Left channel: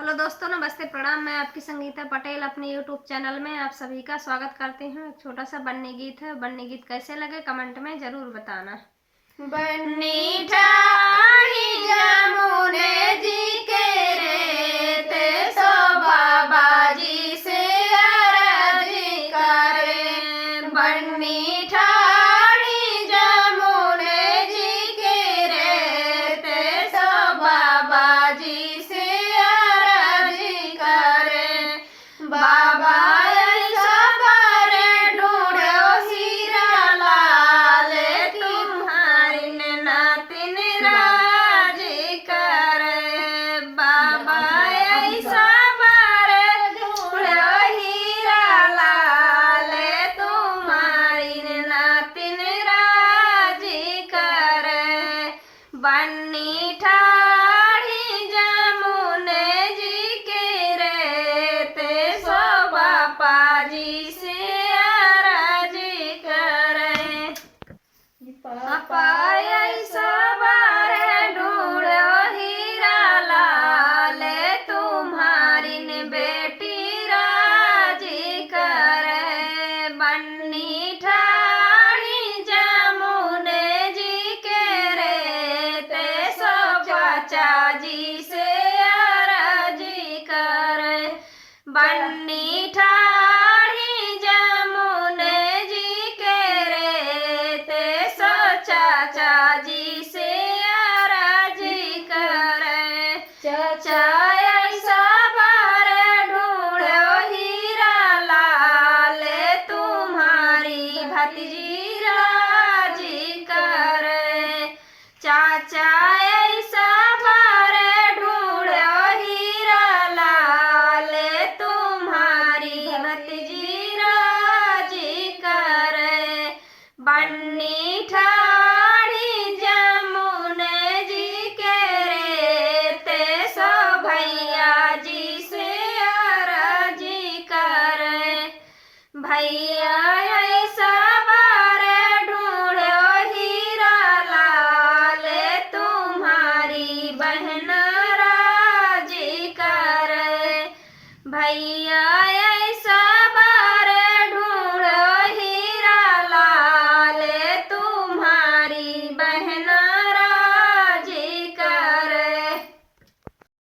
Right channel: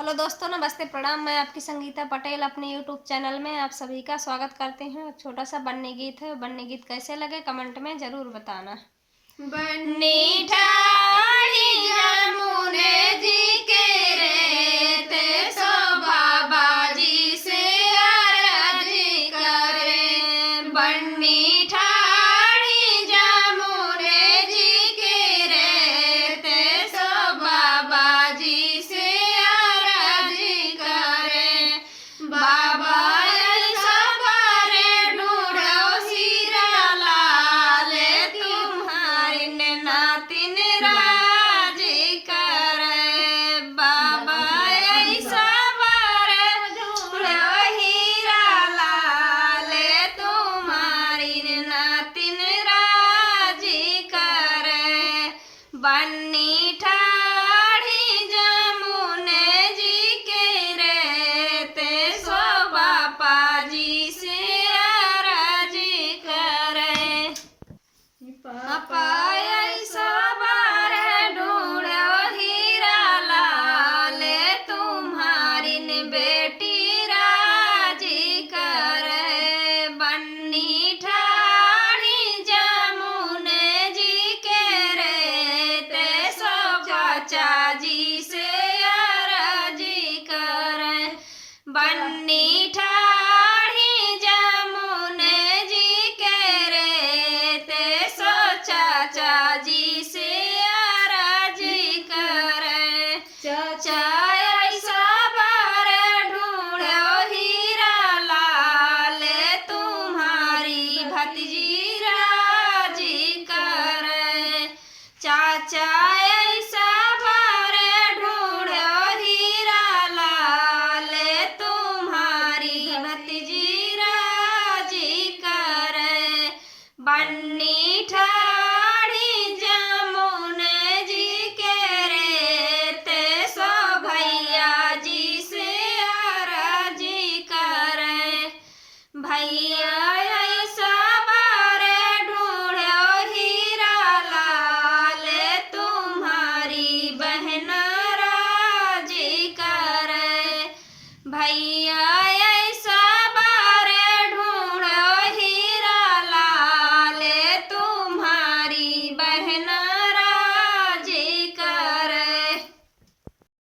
Hello दोस्तों, नमस्ते, प्रणाम। मैं आपकी संगीता पटेल अपने यूट्यूब चैनल में आप सभी का स्वागत करती हूँ। एक छोटा सा बन्नी गीत है। बन्नी गीत कैसे लगे कमेंट में ज़रूर बताना। बन्नी ठाड़ी जमुने जी के रेत सो बाबा जी से अर्जी करे। बन्नी ठाड़ी जमुने जी के रेत सो बाबा जी से अर्जी करे। बाबा ऐसा करे ढूंढो सिरा लाल तुम्हारी नातिन राजी करे। बाबा ऐसा बारे ढूंढो हीरा लाल तुम्हारी नातिन राजी करे। बन्नी ठाड़ी जमुने जी के रेते सो बापा जी से अर्जी करे। ऐसा बारे ढूंढो हीरा लाल तुम्हारी बेटी राजी करे। बन्नी ठाड़ी जमुने जी के रेते सो चाचा जी से अर्जी करे। बन्नी ठाड़ी जमुने जी के रेते सो चाचा जी से अर्जी करे। चाचा ऐसा बारे ढूंढो हीरा लाल तुम्हारी भतीजी राजी करे। चाचा ऐसा बारे ढूंढो हीरा लाल तुम्हारी भतीजी राजी करे। बन्नी